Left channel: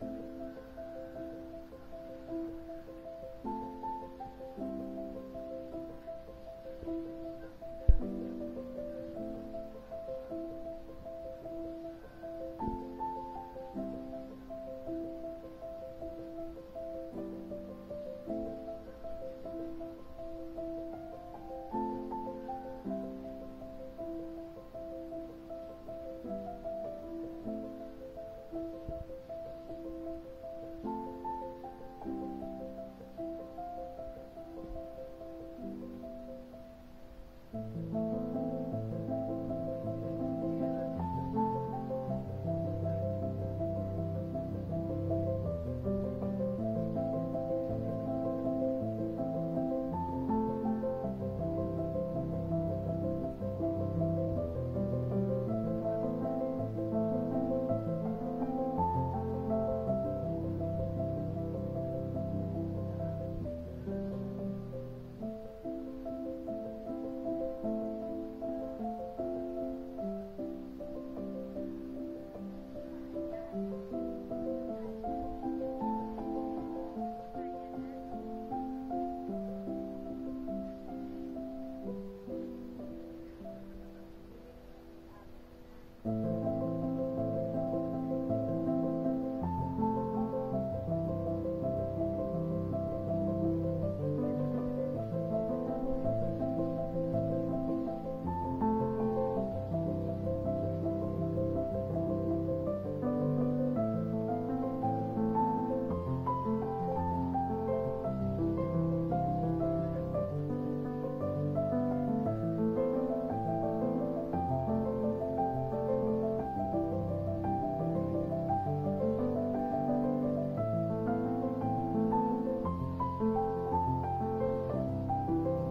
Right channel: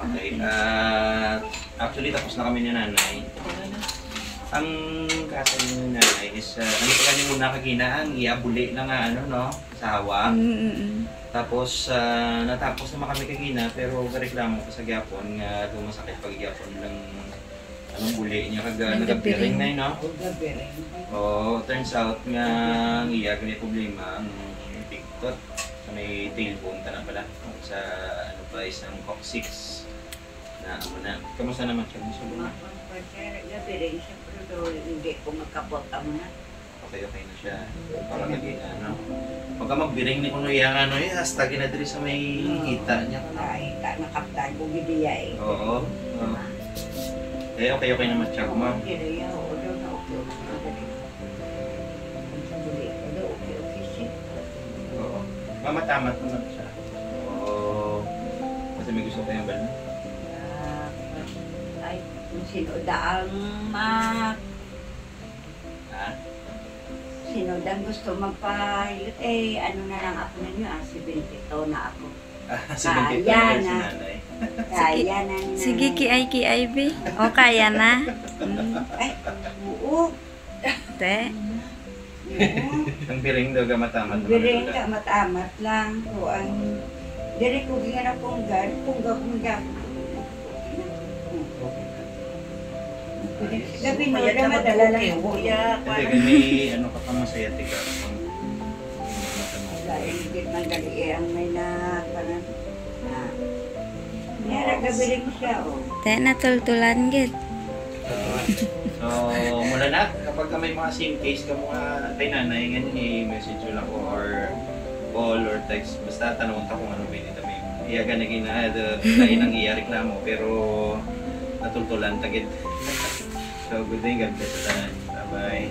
Okay. Actually, tapos na kami ni nanay. Ang kaso ni nanay is, ano pa kami muna kagina, ang iabuli na nga, ano, no? Sawa. Tapos, natapos naman kami kagina, pero reklamo ko sa gyapon nga dumasakit pag gyapon ng anong buli niya kaga nagapiring na yun, no? Oo, turns out nga ang iya may problema ang pigtot sa may tailbone ka na pala sa ano pa isang coccyx na ano na. Kamusta naman siya? Gusto mo na? Nagapiring siya, pero hindi ko magkabot na. Okay na siya. Parang naging ano. Pagka magbiring ni kuno iya ano eh, hasta ginadiri sa may hita niya. Ay, nakaptan ko gidiya eh. Oo. Okay naman siya. Kuma. Mamatamat naman siya. Oo. Kasi may gusto kayo ba? Ay, sinodang sinodang gusto magpayot eh, ano na lang ako na niyo, 72 na ako. Kaya na. Kaya na. Sige, kiay be. O, kaya na. Ay, oo. Te. Ang biring daw gamatamat. Biring ka matamat lang. Kuan. Diri ko gina kung gan, kung gakundang. Gabi na madala lang kuya. Kasi may ano ka pa masaya tiga. Dahil hindi man dali ang may na parang meron gabirig siya o. Te, natultulan git. So, mula na, kapag may mga same case ka mga kay nanay, ganyan i-message nyo lang ko or call or text. Basta tanong ka kung ano ba yung itabi. Iya ka naging tayo nang iya reklamo pero natultulan tagit. So, good day, God bless. Bye-bye.